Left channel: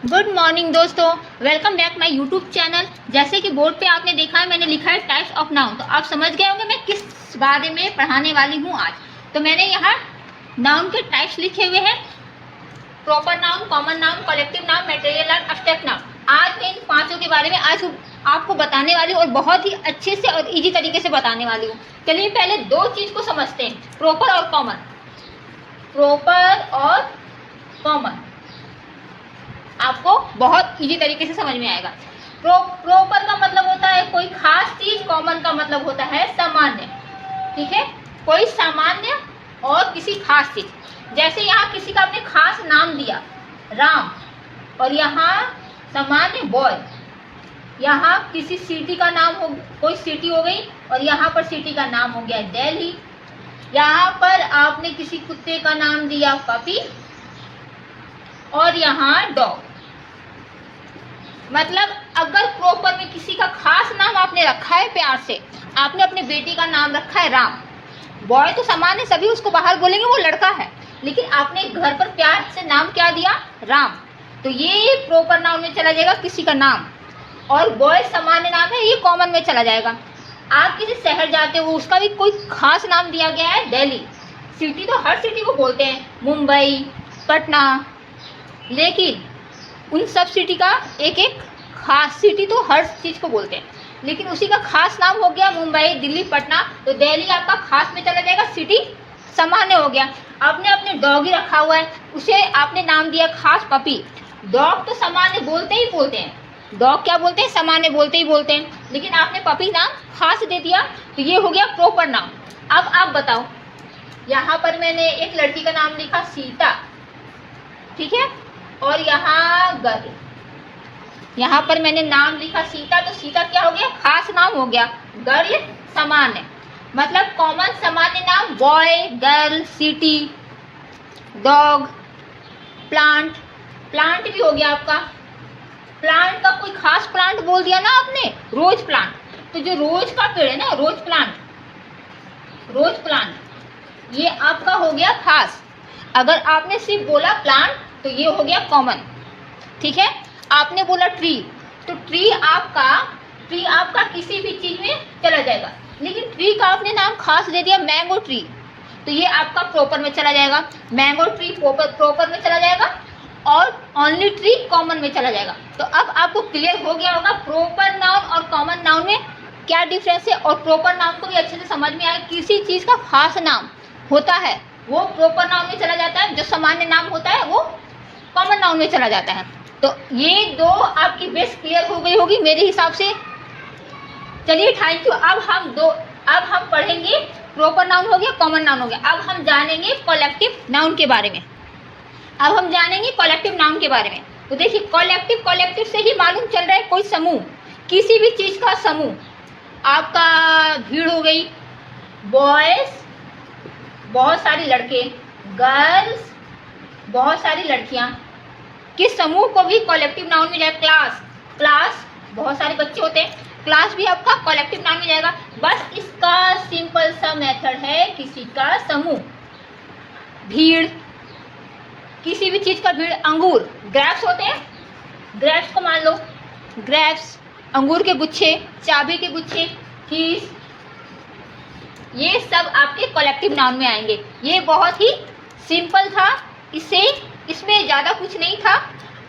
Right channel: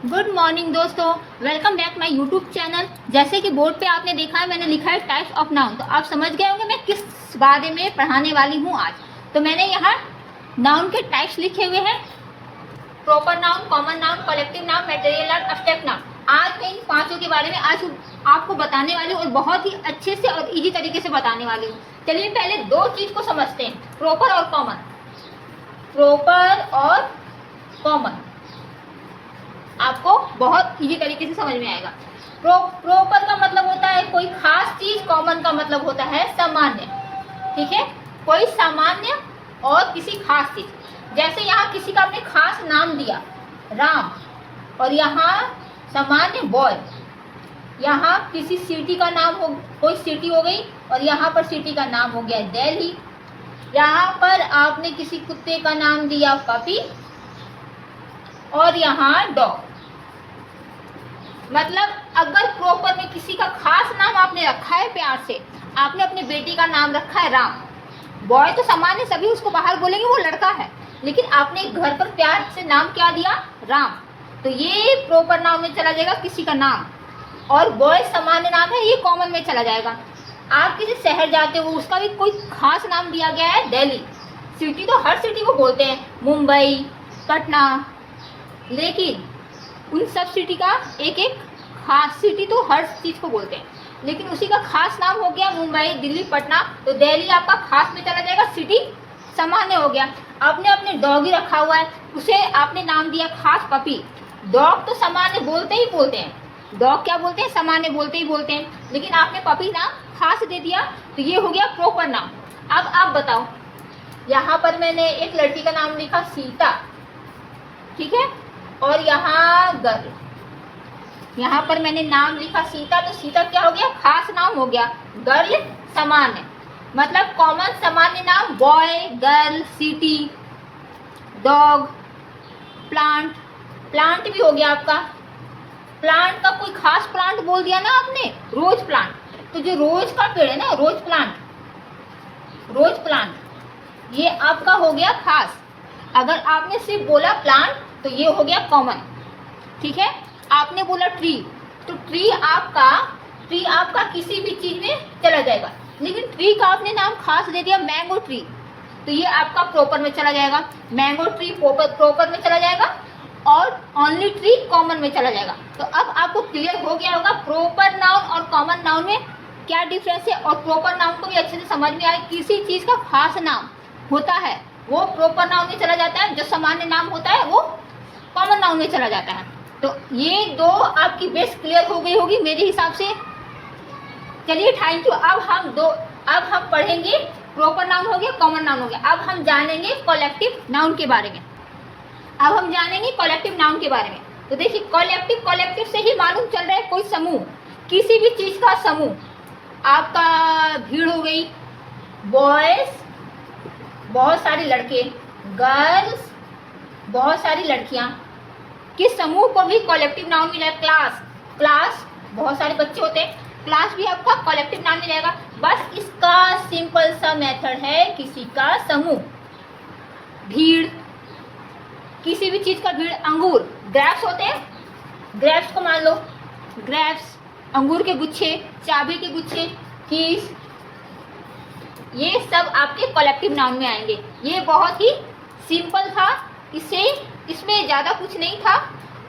Good morning दोस्तों, welcome back my YouTube channel. जैसे कि बोर्ड पे आपने देखा है, मैंने लिखा है टाइप्स ऑफ नाउन, तो आप समझ गए होंगे मैं किस बारे में पढ़ाने वाली हूँ आज। तो मैंने यहाँ नाउन के टाइप्स लिखे हुए हैं: proper noun, common noun, collective noun, material noun, abstract noun. आज मैं इन पांचों के बारे में आज आपको बताने वाली हूँ और बहुत ही अच्छे से और इजी तरीके से बताने वाली हूँ। चलिए पहले दो चीज को समझते हैं, प्रॉपर और कॉमन। प्रॉपर और कॉमन आपको बहुत इजी तरीके से समझ में आएगा। प्रॉपर का मतलब होता है कोई खास चीज, कॉमन का मतलब होता है सामान्य। ठीक है, कोई सामान्य और किसी खास चीज। जैसे यहाँ किसी का आपने खास नाम दिया राम, और यहाँ सामान्य बॉय। यहाँ किसी सिटी का नाम हो, कोई सिटी हो गई, और यहाँ पर सिटी का नाम हो गया दिल्ली। यहाँ पर आपने किसी कुत्ते का नाम दिया पपी, और यहाँ डॉग। मतलब अगर प्रॉपर में किसी का खास नाम आपने रखा है, प्यार से आपने अपने बेटी का नाम रखा है राम, बॉय तो सामान्य सभी उसको बाहर बोलेंगे वो लड़का है, लेकिन आपने घर पर प्यार से नाम क्या दिया, राम, तो ये प्रॉपर नाउन में चला जाएगा किसी का नाम। और बॉय सामान्य नाम है, ये कॉमन में चला जाएगा। आप किसी शहर जाते हो, उसका भी कोई खास नाम दिया गया है दिल्ली। सिटी तो हर सिटी को बोलते हैं, मुंबई, पटना, लेकिन उन सब सिटी का एक एक खास, सिटी तो हर चीज को बोलते हैं, लेकिन उसी का खास नाम हो गया मुंबई, दिल्ली, पटना, तो दिल्ली आपका खास में चला जाएगा, सिटी सामान्य हो गया। आपने अपने डॉगी रखा हुआ है, उसे आपने नाम दिया खास पपी। डॉग तो सामान्य बोलते ही बोलते हैं, डॉग क्या बोलते हैं, सामान्य बोलते ही बोलते हैं, लेकिन आपने पपी नाम खास दे दिया, तो ये हो गया प्रॉपर नाम। अब आप बताओ, यहाँ पर मैंने एक लड़की का नाम लिखा सीता, ठीक है, और यहाँ गर्ल, यहाँ पर मैंने नाम लिखा सीता, तो सीता क्या हो गया, खास नाम हो गया। गर्ल सामान्य, मतलब कॉमन सामान्य नाम boy, girl, city, dog, plant. Plant भी हो गया आपका, प्लांट का कोई खास प्लांट बोल दिया ना आपने, रोज प्लांट, तो जो रोज का पेड़ है ना, रोज प्लांट, रोज प्लांट, ये आपका हो गया खास। अगर आपने सिर्फ बोला प्लांट तो ये हो गया कॉमन। ठीक है, आपने बोला ट्री, तो ट्री आपका किसी भी चीज में चला जाएगा, लेकिन ट्री का आपने नाम खास दे दिया मैंगो ट्री, तो ये आपका प्रॉपर में चला जाएगा। मैंगो ट्री प्रॉपर में चला जाएगा, और ओनली ट्री कॉमन में चला जाएगा। तो अब आपको क्लियर हो गया होगा प्रॉपर नाउन और कॉमन नाउन में क्या डिफरेंस है, और प्रॉपर नाउन को भी अच्छे से समझ में आया। किसी चीज का खास नाम होता है वो प्रॉपर नाउन में चला जाता है, जो सामान्य नाम होता है वो कॉमन नाउन में चला जाता है। तो ये दो आपकी बेस क्लियर हो गई होगी मेरे हिसाब से। चलिए थैंक यू। अब हम पढ़ेंगे, प्रॉपर नाउन हो गया, कॉमन नाउन हो गया। अब हम जानेंगे कलेक्टिव नाउन के बारे में। तो देखिए कलेक्टिव से ही मालूम चल रहा है कोई समूह, किसी भी चीज का समूह। आपका भीड़ हो गई, बॉयज बहुत सारे लड़के, गर्ल्स बहुत सारी लड़कियां, किस समूह को भी कलेक्टिव नाउन में जाएगा। क्लास बहुत सारे बच्चे होते हैं, क्लास भी आपका कलेक्टिव नाउन में जाएगा। बस इसका सिंपल सा मेथड है, किसी का समूह। भीड़, किसी भी चीज का भीड़। अंगूर, ग्रेप्स होते हैं, ग्रेप्स को मान लो, ग्रेप्स, अंगूर के गुच्छे, चाबी के गुच्छे, कीज, ये सब आपके कलेक्टिव नाउन में आएंगे। ये बहुत ही सिंपल था, इसमें ज्यादा कुछ नहीं था।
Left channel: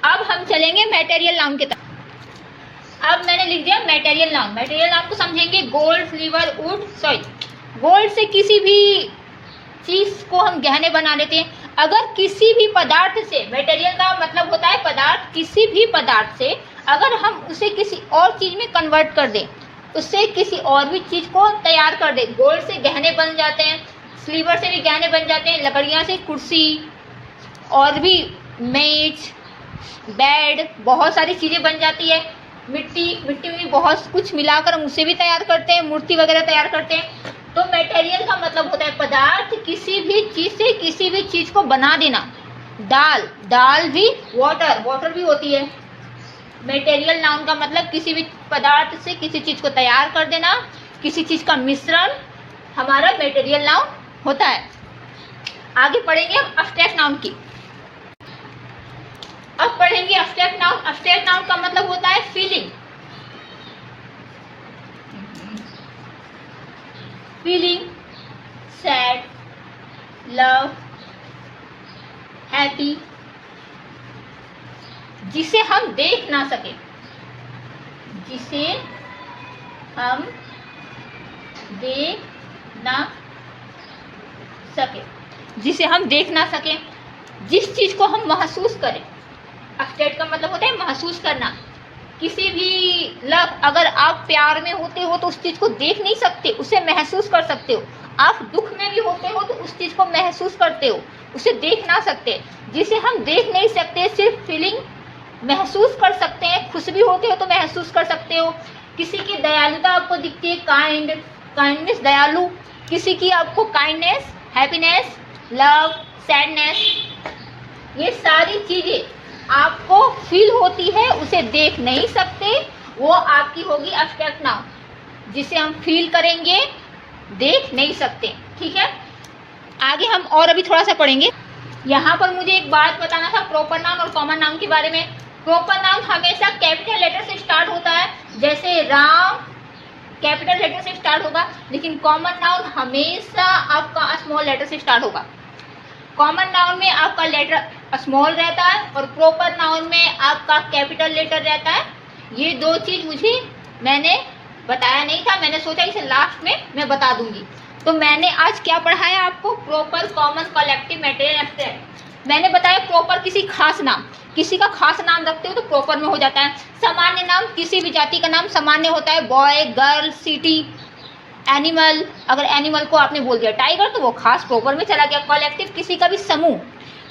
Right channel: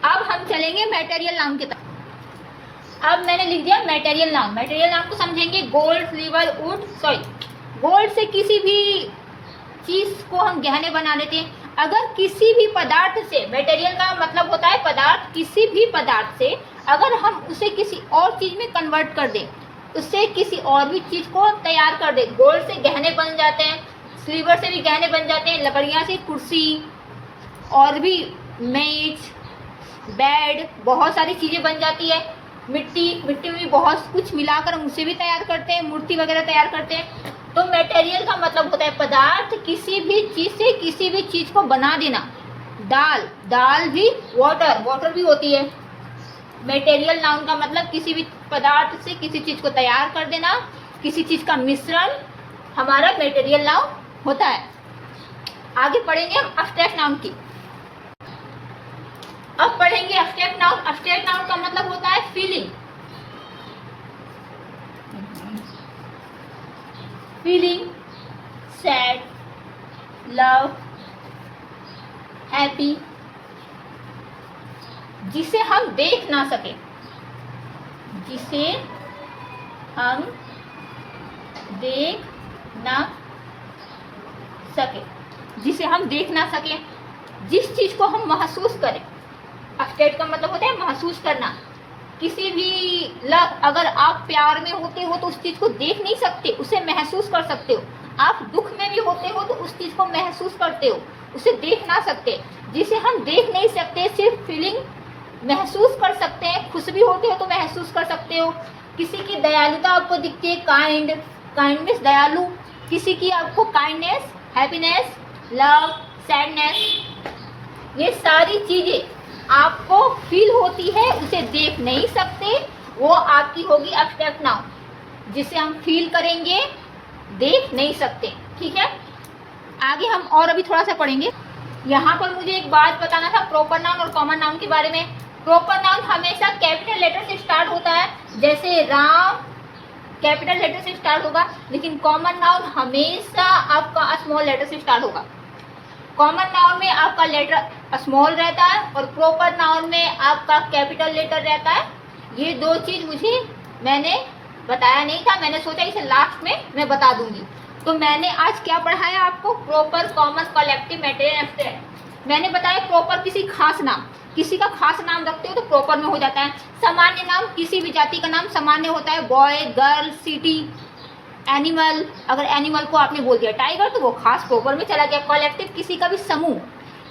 अब हम चलेंगे मटेरियल नाउन की तरफ। अब मैंने लिख दिया मटेरियल नाउन। मटेरियल नाउन को समझेंगे, gold, silver, would, soil. Gold से किसी भी चीज को हम गहने बना लेते हैं। अगर किसी भी पदार्थ से, मटेरियल का मतलब होता है पदार्थ, किसी भी पदार्थ से अगर हम उसे किसी और चीज में कन्वर्ट कर दें, उससे किसी और भी चीज को तैयार कर दे। गोल्ड से गहने बन जाते हैं, सिल्वर से भी गहने बन जाते हैं, लकड़ियां से कुर्सी, और भी मेज, बेड, बहुत सारी चीजें बन जाती है। मिट्टी में भी बहुत कुछ मिलाकर हम उसे भी तैयार करते हैं, मूर्ति वगैरह तैयार करते हैं। तो मटेरियल का मतलब होता है पदार्थ, किसी भी चीज से किसी भी चीज को बना देना। दाल भी, वाटर भी होती है। मटेरियल नाउन का मतलब किसी भी पदार्थ से किसी चीज को तैयार कर देना, किसी चीज का मिश्रण हमारा मटेरियल नाउन होता है। आगे पढ़ेंगे हम एब्स्ट्रैक्ट नाउन की। अब पढ़ेंगे पढ़ेंगे एब्स्ट्रैक्ट नाउन। एब्स्ट्रैक्ट नाउन का मतलब होता है feeling, feeling sad, love, happy, जिसे हम देख ना सके, जिसे हम देख ना सके, जिसे हम देख ना सके, जिस चीज को हम महसूस करें। एब्स्ट्रैक्ट का मतलब होता है महसूस करना। किसी भी लव, अगर आप प्यार में होते हो तो उस चीज को देख नहीं सकते, उसे महसूस कर सकते हो। आप दुख में भी होते हो तो उस चीज को महसूस करते हो, उसे देख ना सकते। जिसे हम देख नहीं सकते, सिर्फ फीलिंग महसूस कर सकते हैं। खुश भी होते हो तो महसूस कर सकते हो। किसी की दयालुता आपको दिखती है, काइंडनेस, दयालु। किसी की आपको काइंडनेस, हैप्पीनेस, लव, सैडनेस, ये सारी चीजें आपको फील होती है, उसे देख नहीं सकते, वो आपकी होगी एब्स्ट्रैक्ट नाउन। जिसे हम फील करेंगे, देख नहीं सकते। ठीक है, आगे हम और अभी थोड़ा सा पढ़ेंगे। यहाँ पर मुझे एक बात बताना था प्रॉपर नाउन और कॉमन नाउन के बारे में। प्रॉपर नाउन हमेशा कैपिटल लेटर से स्टार्ट होता है, जैसे राम कैपिटल लेटर से स्टार्ट होगा, लेकिन कॉमन नाउन हमेशा आपका स्मॉल लेटर से स्टार्ट होगा। कॉमन नाउन में आपका लेटर स्मॉल रहता है और प्रॉपर नाउन में आपका कैपिटल लेटर रहता है। ये दो चीज मैंने बताया नहीं था, मैंने सोचा इसे लास्ट में मैं बता दूंगी। तो मैंने आज क्या पढ़ाया आपको, proper, common, collective, material, abstract. मैंने बताया प्रॉपर किसी खास नाम, किसी का खास नाम रखते हो तो प्रॉपर में हो जाता है। सामान्य नाम, किसी भी जाति का नाम सामान्य होता है, बॉय, गर्ल, सिटी, एनिमल। अगर एनिमल को आपने बोल दिया टाइगर तो वो खास प्रॉपर में चला गया। कलेक्टिव, किसी का भी समूह,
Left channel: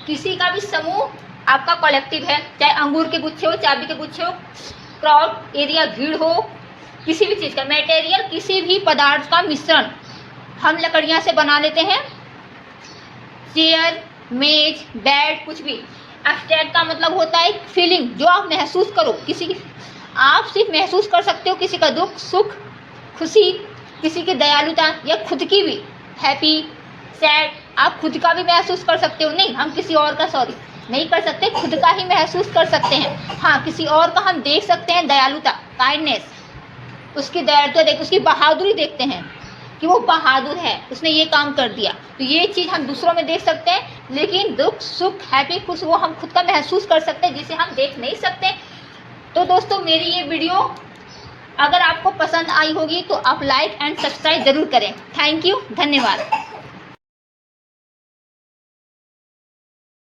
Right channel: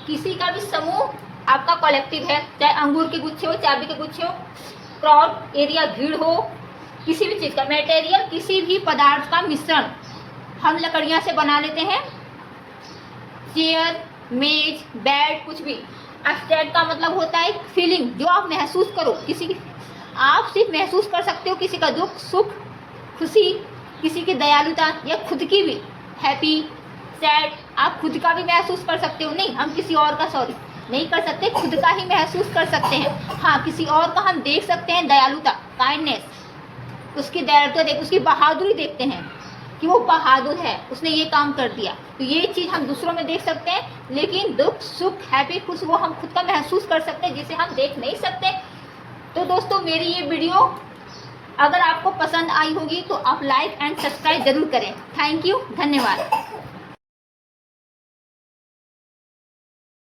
किसी का भी समूह आपका कलेक्टिव है, चाहे अंगूर के गुच्छे हो, चाबी के गुच्छे हो, क्राउड, एरिया, भीड़ हो, किसी भी चीज का। मटेरियल, किसी भी पदार्थ का मिश्रण हम लकड़ियां से बना लेते हैं, चेयर, मेज, बेड, कुछ भी। एब्स्ट्रैक्ट का मतलब होता है फीलिंग, जो आप महसूस करो। किसी की आप सिर्फ महसूस कर सकते हो, किसी का दुख, सुख, खुशी, किसी की दयालुता, या खुद की भी, हैप्पी, सैड। आप खुद का भी महसूस कर सकते हो, नहीं हम किसी और का नहीं कर सकते, खुद का ही महसूस कर सकते हैं। हाँ, किसी और का हम देख सकते हैं, दयालुता, काइंडनेस, उसकी दयालुता देख, उसकी बहादुरी देखते हैं कि वो बहादुर है, उसने ये काम कर दिया। तो ये चीज़ हम दूसरों में देख सकते हैं, लेकिन दुख, सुख, हैप्पी, खुश, वो हम खुद का महसूस कर सकते हैं, जिसे हम देख नहीं सकते। तो दोस्तों, मेरी ये वीडियो अगर आपको पसंद आई होगी तो आप लाइक एंड सब्सक्राइब ज़रूर करें। थैंक यू, धन्यवाद।